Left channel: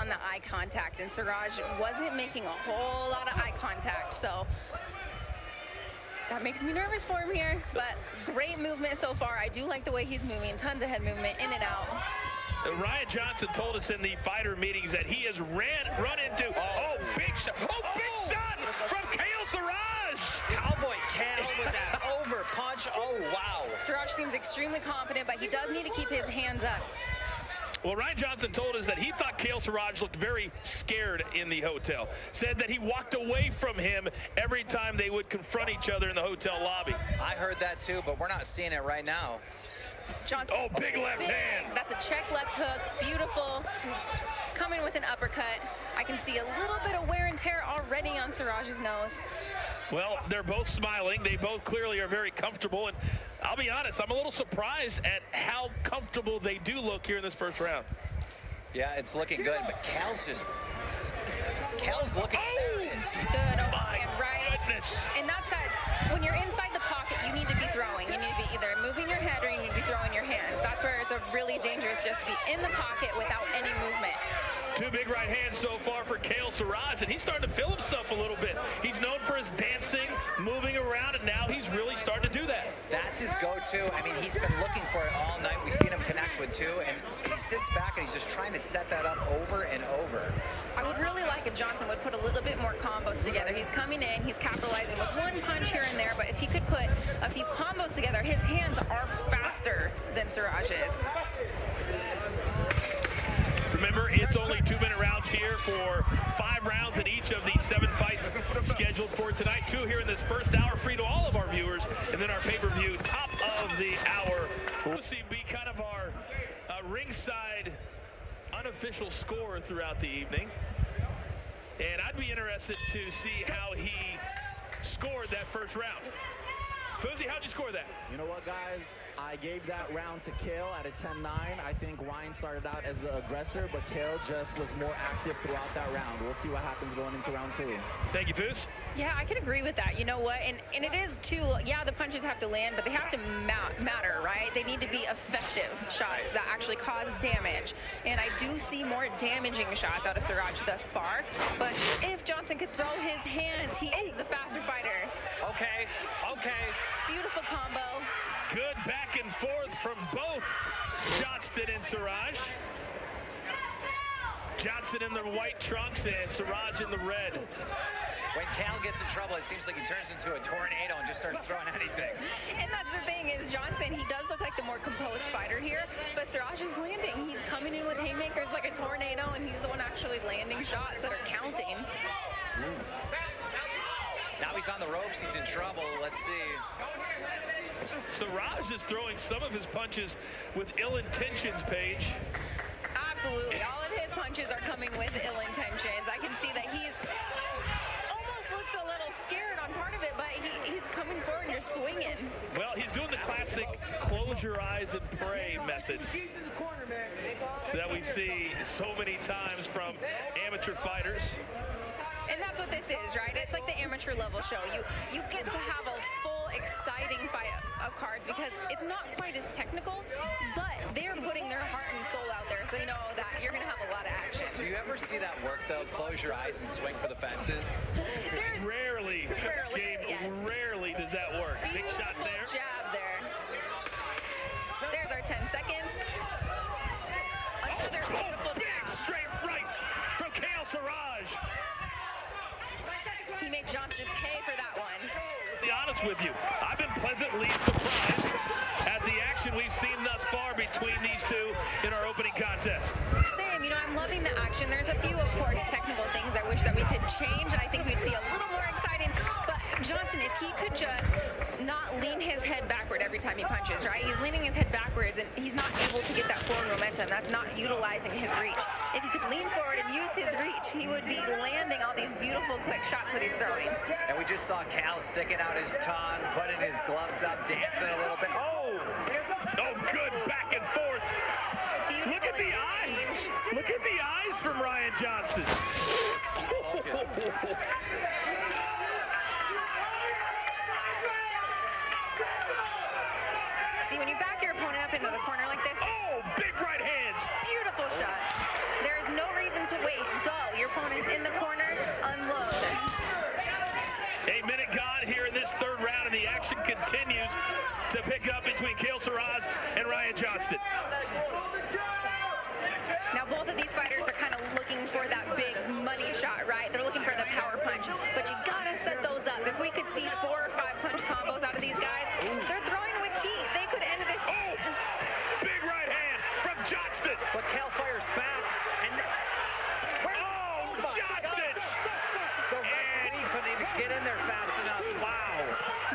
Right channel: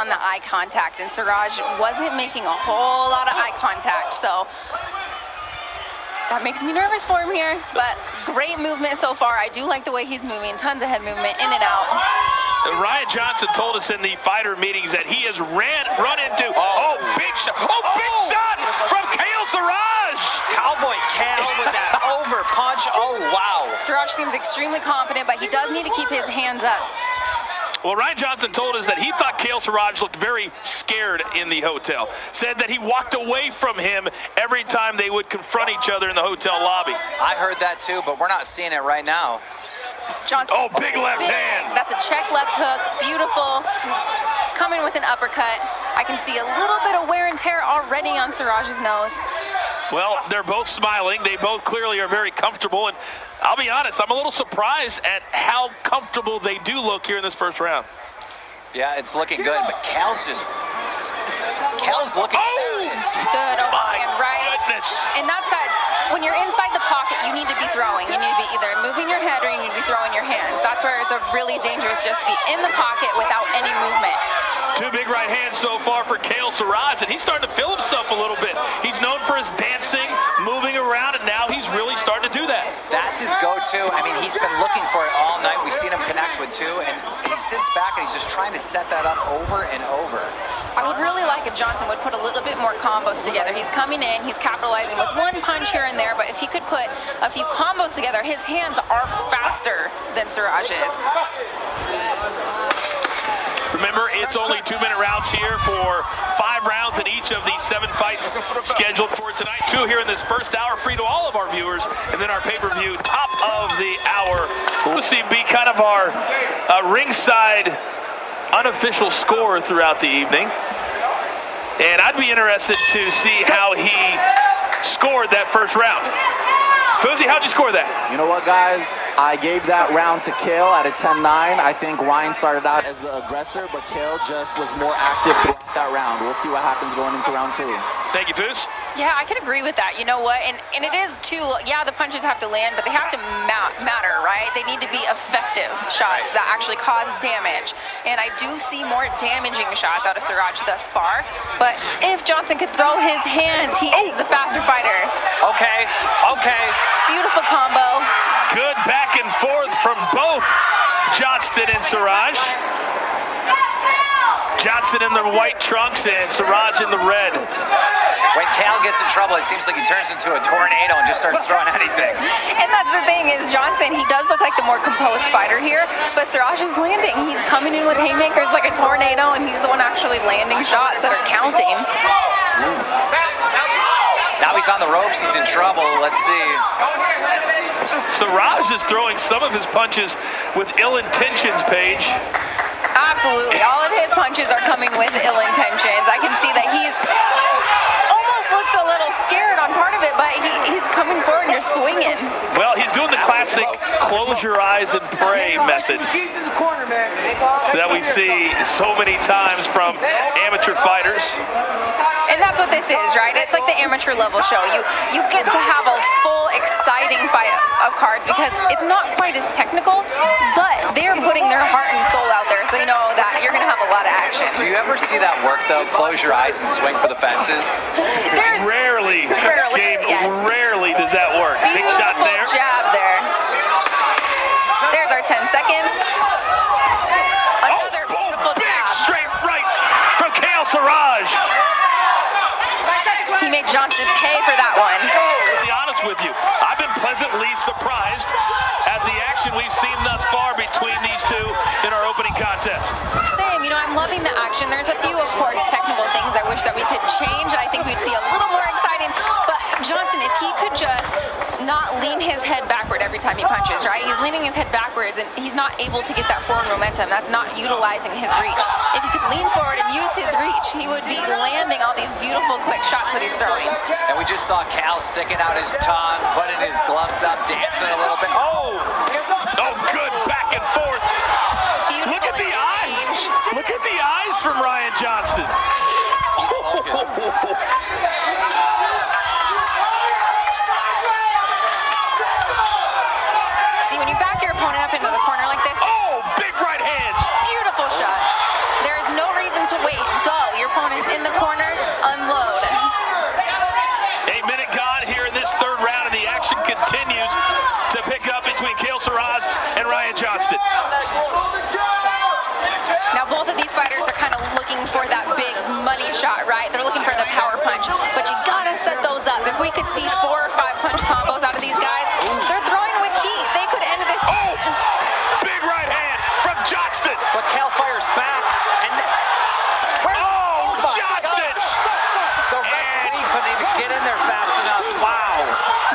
on the eye contact, and Saurage wasn't making a whole lot of eye contact, so that makes me nervous for him here, but great movement so far. I do like the way he's moving, tons of head movement, in and out. Ryan Johnstone told us in the fighter meetings that he has run into, big shot, big shot from Kale Saurage. Cowboy Kale with that over punch, wow. Saurage seems extremely confident, but he does need to keep his hands up. Well, Ryan Johnstone told us that he thought Kale Saurage looked very scared in the hotel. Said that he walked away from him every time they would confront each other in the hotel lobby. I heard that too, but we're not seeing it right now. Johnstone, big left hand. That's a check left hook, beautiful. Coming with an uppercut. I can see a little bit of wear and tear already on Saurage's nose. Well, they're both smiling. They both clearly are very comfortable, and I'll be honest, I'm a little surprised at how comfortable they do look here in this first round. Yeah, it's looking good, but Cal's looking serious. Good overhand, right? Goodness. And that's that, when you're inside the pocket, you need to be throwing. You need to be either moving your head or you need to be throwing your hands. That's where it's really dangerous, just to be in the pocket without any movement. Two big right hands so far for Kale Saurage, and he's starting to feel himself a little bit. He's known for his dancing, moving around, and now he's really starting to do that. That's his go-to. I mean, he's been looking for it all night. We've seen him connect with two, and he sits back and he's just trying to set that up over and over. I would really like if Johnson would put a little bit more combos together. He's coming in, he's capitalizing with one punch here and there, but if he could put a few combos together, his hands are faster than Saurage's. Remember, it's only 2-minute rounds here for 5 rounds in each of these 7 fights scheduled for tonight. 2 here in this first hour, free to all of our viewers, and then our pay-per-view top of the hour. We'll see be kind of our ringside unofficial score throughout the evening. And I'd be interested to see how he scored that first round. Fuzi, how'd you score that? You know what, guys? I gave that round to Kale at a 10-9. I think Ryan started out as the aggressor, but Kale just was more active throughout that round. We'll see what happens going into round 2. Thank you, Fuz. Yeah, I can agree with that. You know what? And it is too, yeah, the punches have to land, but they have to matter, right? They need to be effective shots that actually cause damage. And I do see more damaging shots out of Saurage thus far. But if Johnson could throw his hands, he is the faster fighter. Okay. Beautiful combo. Good back and forth from both Johnston and Saurage. Johnston in the white trunks and Saurage in the red. When Cal gets in trouble, it seems like he turns into a tornado and just starts throwing anything. And that's the thing is Johnson, he does look like the more composed fighter here, but Saurage is landing. He's coming in with haymakers like a tornado, and he's the one actually landing shots that are counting. Now he's on the ropes, he's in trouble. Let's see. Saurage is throwing some of his punches with ill intentions, Paige. Absolutely. All of his punches are coming with ill intentions. I can see that he's almost looked a little scared on part of it, but he's coming forward and you're swinging. Well, he's doing the classic close your eyes and pray method that we see so many times from amateur fighters. And that's what this is, right? It's like the amateur level show. You get to have a full, exciting fight of cards because it's not quite as technical, but they're putting their heart and soul out there, so you know that you're going to have a lot of action. Do you ever see that work, though? Close your eyes and swing for the fences? Rarely, Gabe, yes. Rarely does that work. Big shot there. Jab there. There's our 10 seconds. Another beautiful big jab. Straight right from Kale Saurage. He made Johnson pay for that one. To be honest with you, I've been pleasantly surprised at the action we've seen thus far between these two in our opening contest. Same, you know, I'm loving the action. There's a few, of course, technical things I wish that we could change, and I think we'd see a little more exciting. But Johnson, if he could just not lean his head backward every time he punches, right? He's leaning his head backwards, and he's not able to get that forward momentum. That's not utilizing his reach. If he could lean forward and use his reach, he would be landing all these beautiful, quick shots that he's throwing. And we just saw Cal sticking out his tongue, putting his gloves up, dancing a little bit. Oh, good back and forth. Beautiful. Look at the eyes. Look at the eyes from Ryan Johnstone. He's focused. See, when you back your opponent up into the corner like this, Oh, big right hands. beautiful shot. There is no reason to wait. pickup between Kale Saurage and Ryan Johnstone. Now both of these fighters are kind of looking for that big money shot, right? They're looking for the power punch, but you gotta set those up. If we could see 4 or 5 punch combos out of these guys, they're throwing with heat. They could end this. Oh, big right hand from Johnstone. But Kale fires back, and Johnstone! the referee couldn't even get in there fast enough. Wow.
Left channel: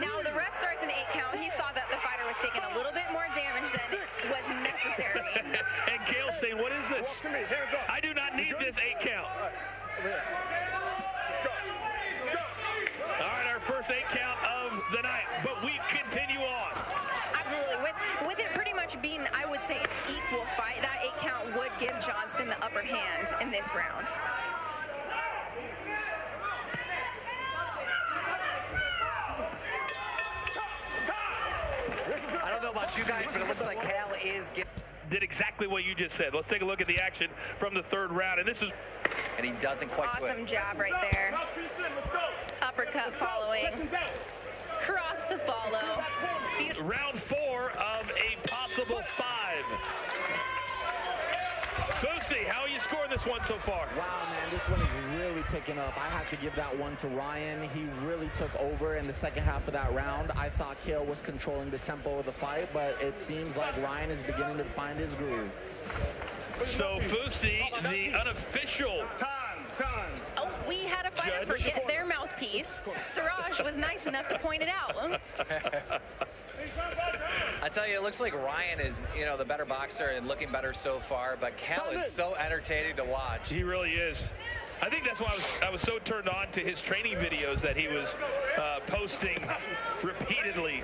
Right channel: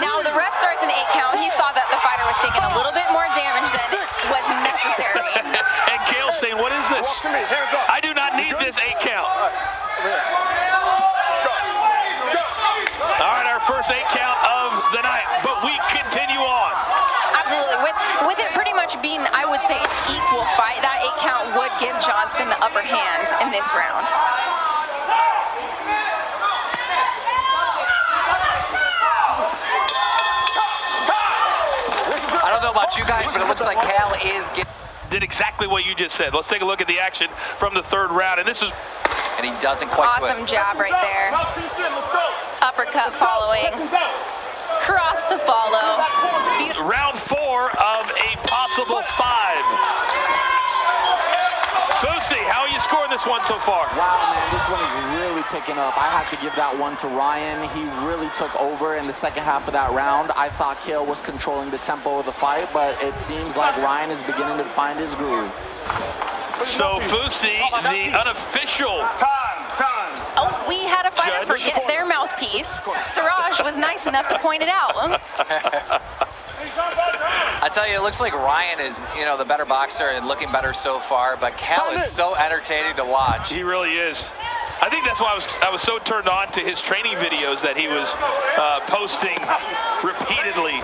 Now the ref starts an 8 count. He saw that the fighter was taking a little bit more damage than was necessary. And Kale saying, what is this? I do not need this 8 count. All right, our first 8 count of the night, but we continue on. Absolutely. With it pretty much being, I would say, an equal fight, that 8 count would give Johnstone the upper hand in this round. I don't know about you guys, but it looks like Kale is getting... Did exactly what you just said. Let's take a look at the action from the 3rd round, and this is... And he doesn't quite Awesome quit. jab right there. Uppercut following. Cross to follow. Round 4 of a possible 5. Fusi, how are you scoring this one so far? Wow, man, this one is really picking up. I have to give that one to Ryan. He really took over in the second half of that round. I thought Kale was controlling the tempo of the fight, but it seems like Ryan is beginning to find his groove. So Fusi, the unofficial... Oh, we had a fighter forget their mouthpiece. Saurage was nice enough to point it out. I tell you, it looks like Ryan is, the better boxer and looking better so far, but Kale is so entertaining to watch. He really is. I think that's why I was so turned on to his training videos that he was posting repeatedly,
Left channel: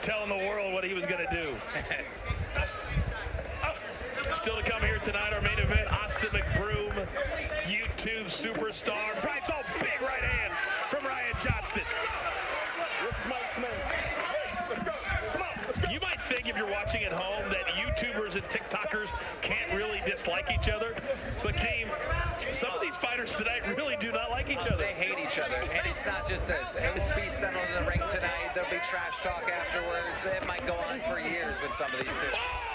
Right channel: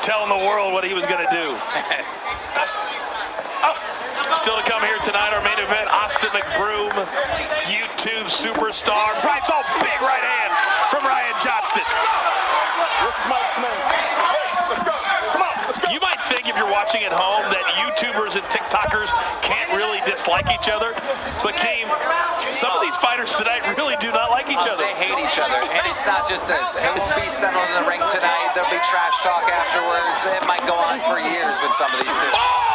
telling the world what he was going to do. Still to come here tonight, our main event, Austin McBroom, YouTube superstar. Bryce, all big right hands from Ryan Johnstone. You might think if you're watching at home that YouTubers and TikTokers can't really dislike each other, but Keem, some of these fighters tonight really do not like each other. They hate each other, and it's not just this. It will be settled in the ring tonight. There'll be trash talk afterwards. It might go on for years with some of these two. Oh!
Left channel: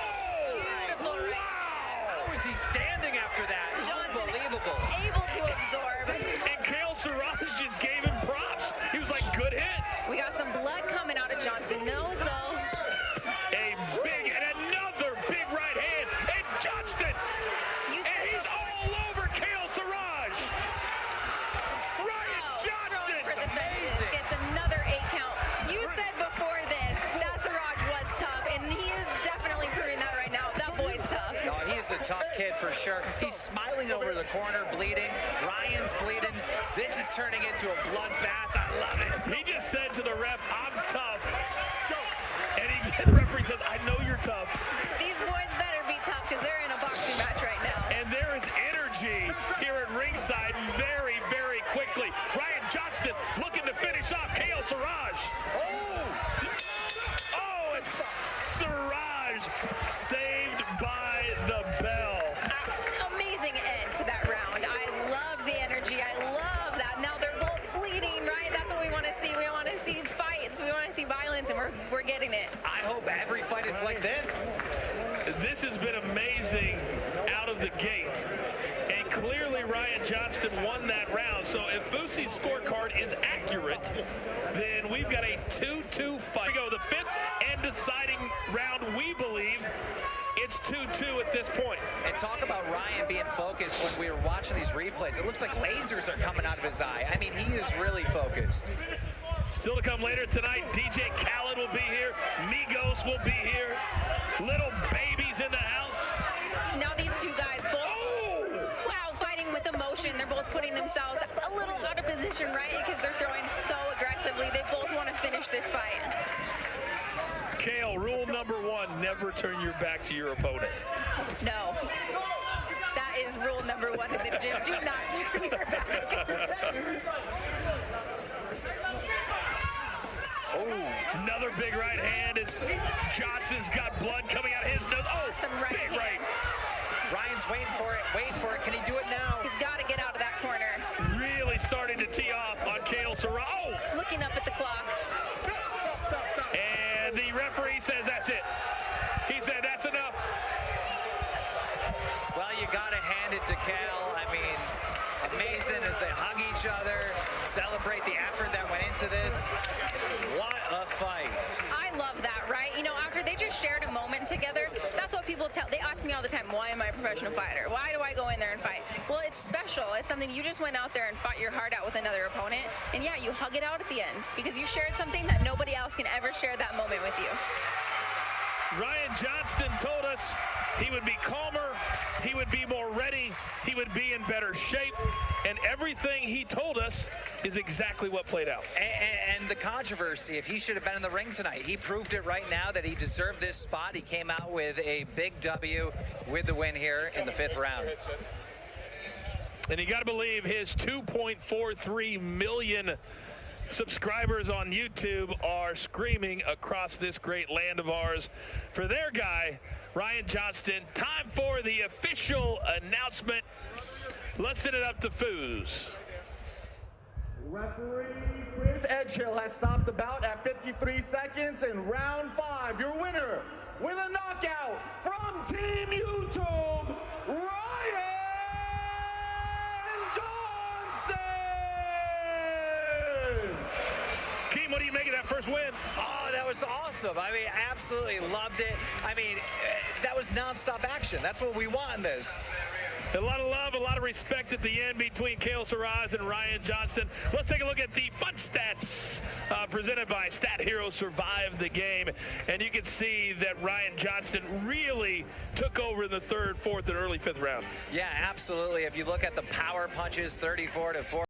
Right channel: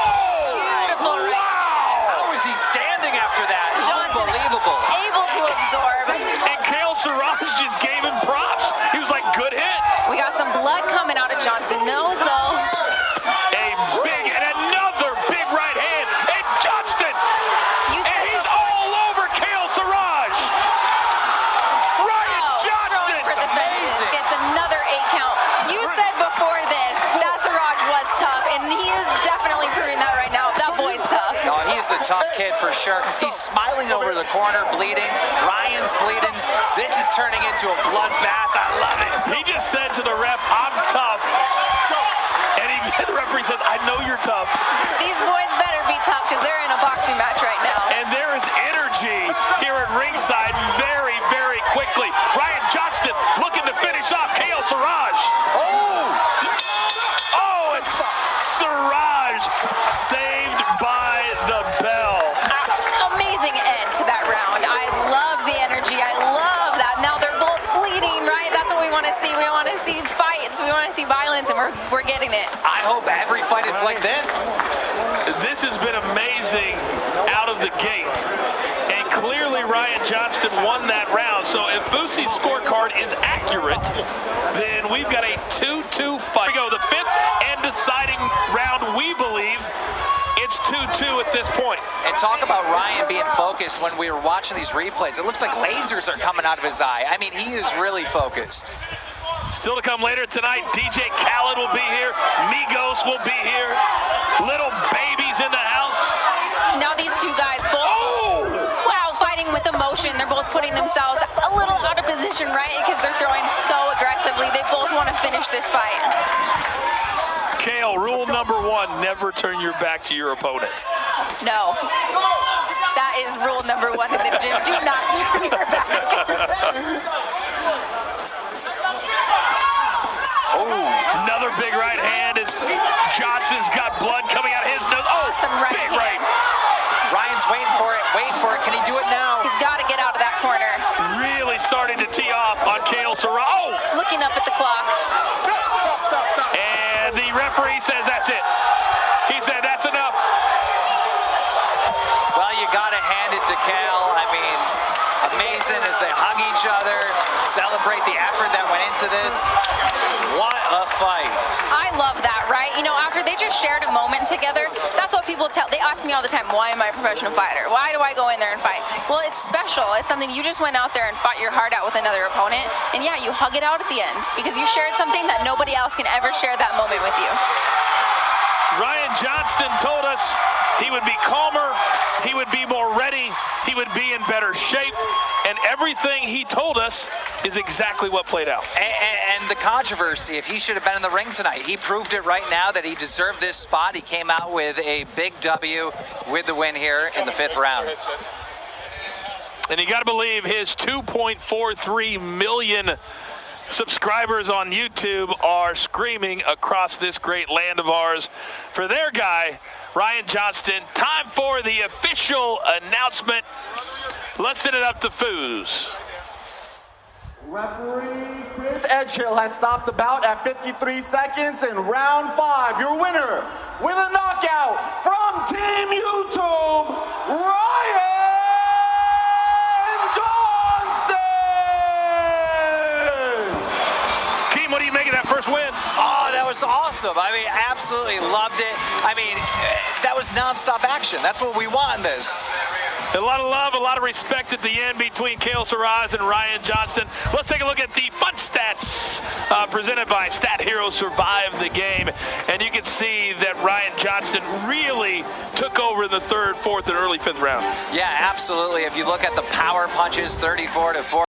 Beautiful. Wow! How is he standing after that? Johnstone Unbelievable. able to absorb. And Kale Saurage just gave him props. He was like, good hit. We got some blood coming out of Johnstone nose, though. A big and another big right hand. And Johnstone! You And said he's before, all over Kale Saurage. Ryan Johnstone! for the fences, gets another 8 count. You said before this that Saurage was tough, and he is definitely proving that right now. That boy's tough. No, he is a tough kid for sure. He's smiling over the corner, bleeding. Ryan's bleeding. This is turning into a bloodbath. I love it. He just said to the ref, I'm tough. And the referee says, I know you're tough. These boys better be tough because they're in a boxing match right now. And there is energy here at ringside very, very quickly. Ryan Johnstone looking to finish off Kale Saurage. Oh, and Saurage saved by the bell. Amazing end to that round. I love the energy. I love that. Now they're both bleeding, right? That's what we want to see. We want to see fights. We want to see violence, and we're getting it. I hope every fight is like this. This has been amazing out of the gate. And clearly Ryan Johnstone won that round. So if Fusi's scorecard is accurate, then we've got a 2-2 fight. Here we go, the 5th and deciding round, we believe. It's 2-2 at this point. And talk about Ryan being focused when we were watching these replays. It looks like lasers are coming out of his eye. I mean, he is really focused. Still to come later tonight, DJ Khaled will be here. Migos will be here. Little Baby's in the house. Now these two guys both, wow, fighting with emotion. They're both putting themselves a little out of position, right? Because they're throwing so aggressively. They both want to finish this fight. Kale, rule number 1, never turn your back to your opponent. No. That is rule number 1 in the gym. Do not turn your back. Another big right hand as Johnson's got blood coming out of his nose. Oh, Awesome right big hand. right. Ryan's waiting for it. Can he do it now? He's got to get out of that corner. Really starting to tee off on Kale Saurage. Oh! Looking up at the clock. And the referee Kale. I mean, amazing as they hug each other, celebrate the effort that went into this. What a fight. I love that, right? You know, after they just shared a moment together, that's what people tell. They ask me all the time, why am I a professional fighter? Why do I go in there and fight? Well, it's special. It's something you just went out there and fought your heart out with another opponent. And yeah, you hug it out at the end because you shared something that nobody else can ever share that moment with you. Ryan Johnstone told us he would be calmer, he would be more ready, he would be in better shape, and everything he told us is exactly what played out. And the controversy, if he should have been in the ring tonight, he proved it right now that he deserved this spot. He came out with a big W with the win here in the 5th round. And you got to believe his 2.43 million subscribers on YouTube are screaming across this great land of ours for their guy, Ryan Johnstone. Time for the official announcement. Let's send it up to Foos. Referee Chris Edgehill has stopped the bout at 53 seconds in round 5. Your winner with a knockout from Team YouTube, Ryan Johnstone! Keem, what do you make of that first win? Oh, that was awesome. I mean, absolutely loved it. I mean, that was nonstop action. That's what we want in this. A lot of love, a lot of respect at the end between Kale Saurage and Ryan Johnstone. Let's take a look at the fun stats presented by Stat Hero Survive the Game. And you can see that Ryan Johnstone really took over in the 3rd, 4th, and early 5th round. Yeah, absolutely. If you look at the power punches, 34-4.